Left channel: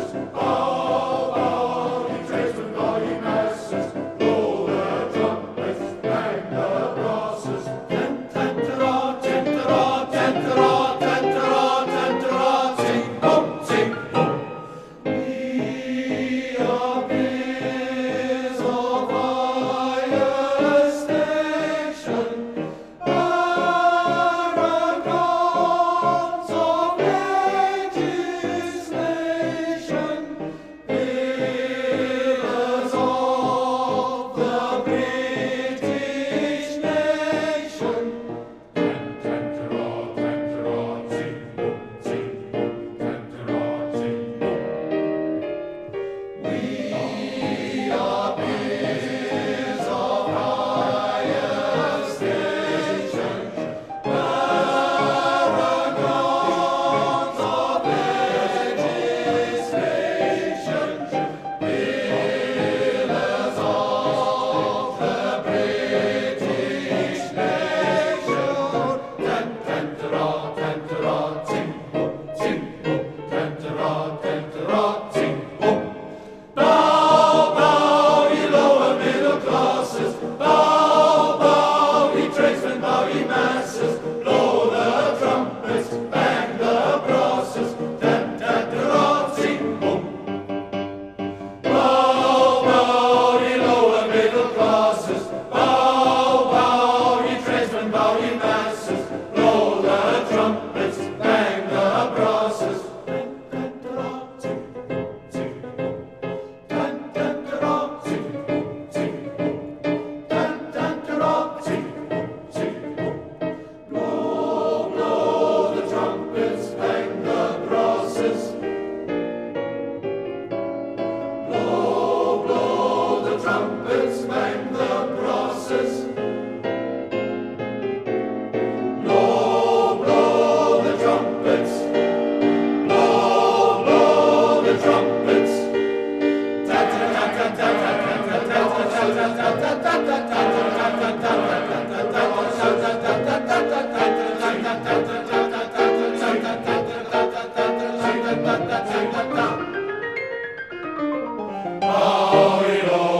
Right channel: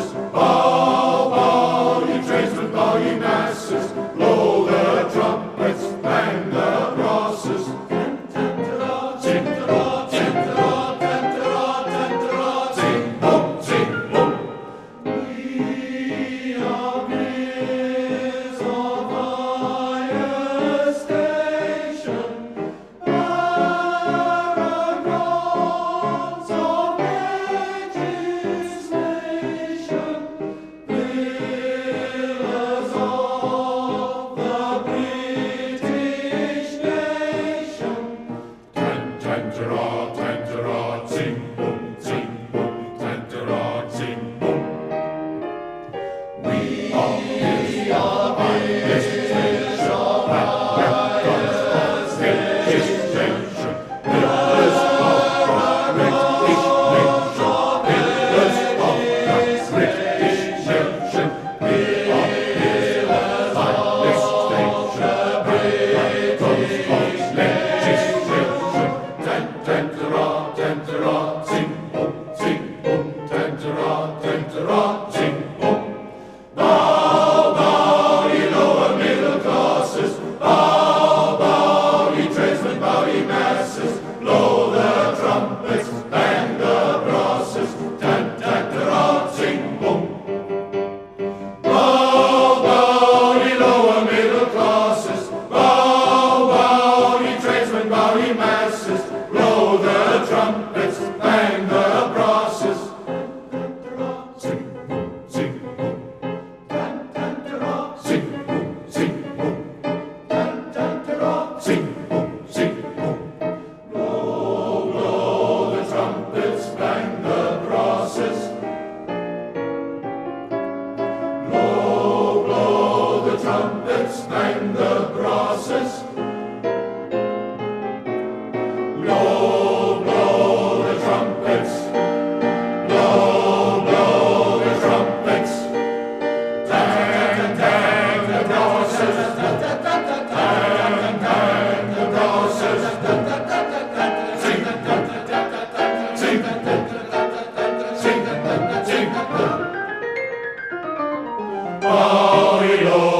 crosses. Bow, bow, ye tradesmen, bow, ye masses. Blow the trumpets, bang the brasses. Tantara, tantara, tantara, tantara, tantara, ting, boom, ting, boom. We are biz of higher station, paragons of legislation, pillars of the British nation. Tantara, tantara, ting, boom, tantara, ting, boom. We are biz of higher station, paragons of legislation, pillars of the British nation. Tantara, tantara, ting, boom, tantara, tantara, ting, boom. Bow, bow, ye lower middle classes. Bow, bow, ye tradesmen, bow, ye masses. Blow the trumpets, bang the brasses. Tantara, ting, boom. Bow, bow, ye lower middle classes. Bow, bow, ye tradesmen, bow, ye masses. Blow the trumpets, bang the brasses. Tantara, ting, boom, ting, boom. Tantara, ting, boom, ting, boom. Tantara, ting, boom, ting, boom. Blow, blow the trumpets, bang the brasses. Blow, blow the trumpets, bang the brasses. Blow, blow the trumpets. Blow, blow the trumpets. Bow, ye low